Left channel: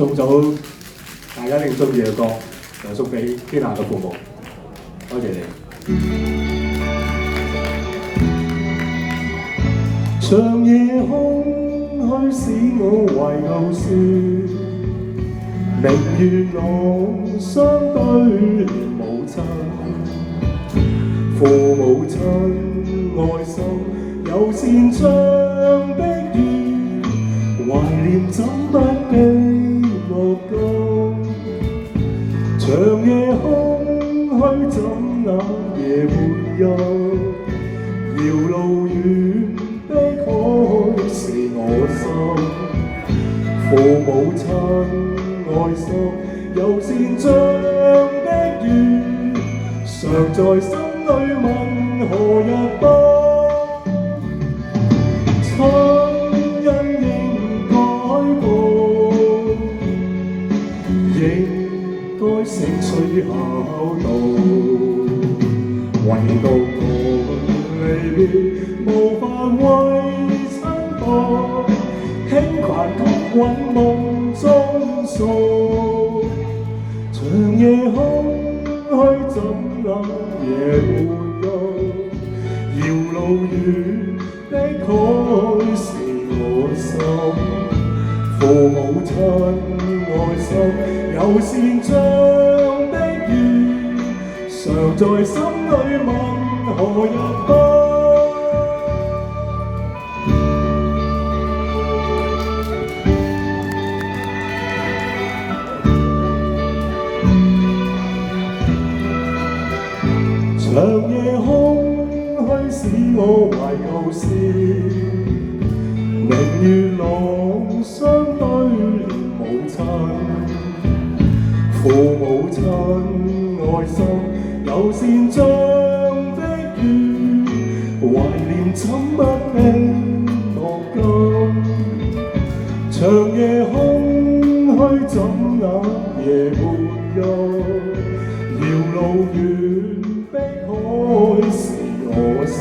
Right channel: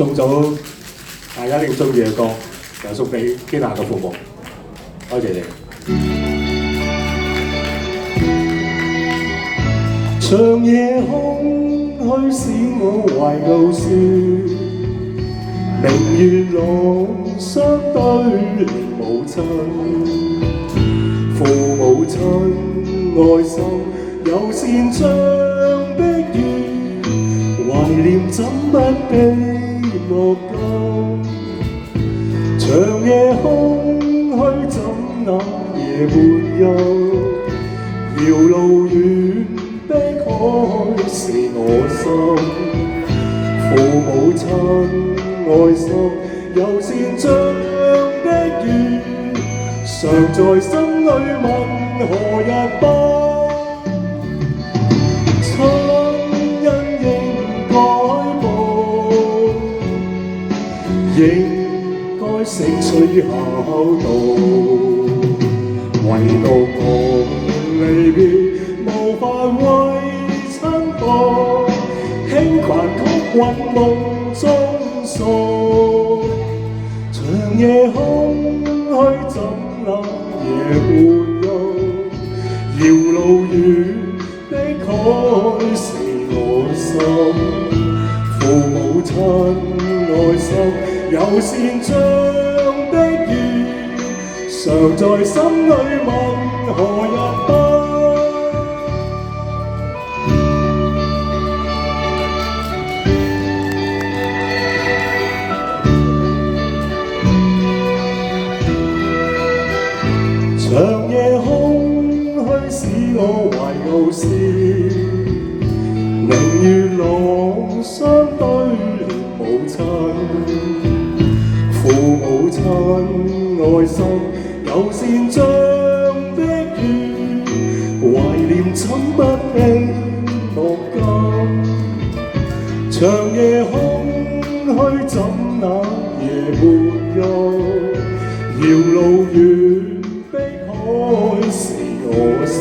送咗大家一定中意嘅歌，又送俾基娜嘅父母，多謝你。長夜空虛使我懷舊說，明月朗相對連母親，父母親愛心有善像碧月，懷念怎不被莫禁。長夜空虛怎那夜沒休，遙路遠的海是我心，父母親愛心有善像的月，常在心裏問何日不。親恩應該報，應該釋取孝道，唯獨我離別無法為親報，輕彈曲韻夢中訴。長夜空虛怎能夜沒休，遙路遠的海是我心，父母親愛心有善像的月，常在心裏問何日不。長夜空虛使我懷舊思，明月朗相對連母親，父母親愛心有善像的月，懷念怎不被莫禁。長夜空虛怎那夜沒休，遙路遠的海是我心，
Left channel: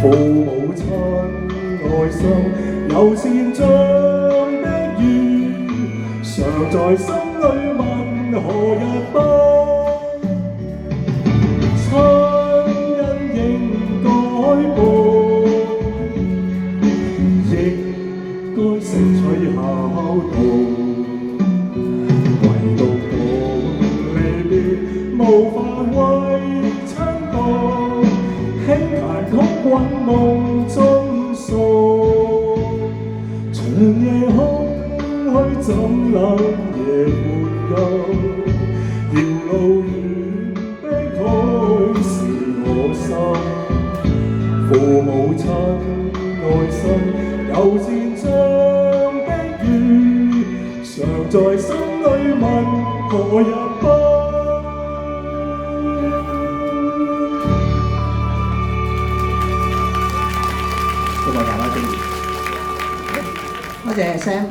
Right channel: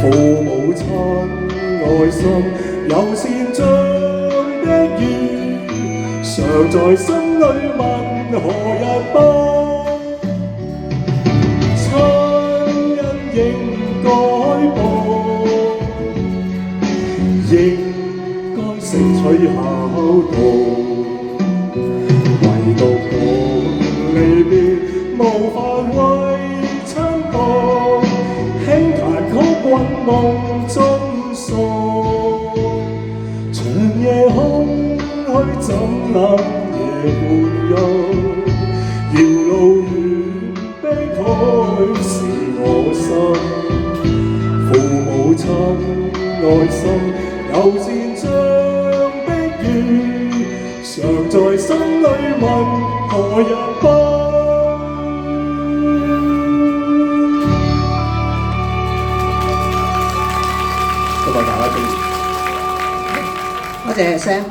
父母親愛心有善像的月，常在心裏問何日不。親恩應該報，應該釋取孝道，唯獨我離別無法為親報，輕彈曲韻夢中訴。長夜空虛怎能夜沒休，遙路遠的海是我心，父母親愛心有善像的月，常在心裏問何日不。多謝大家支持。多謝Sam。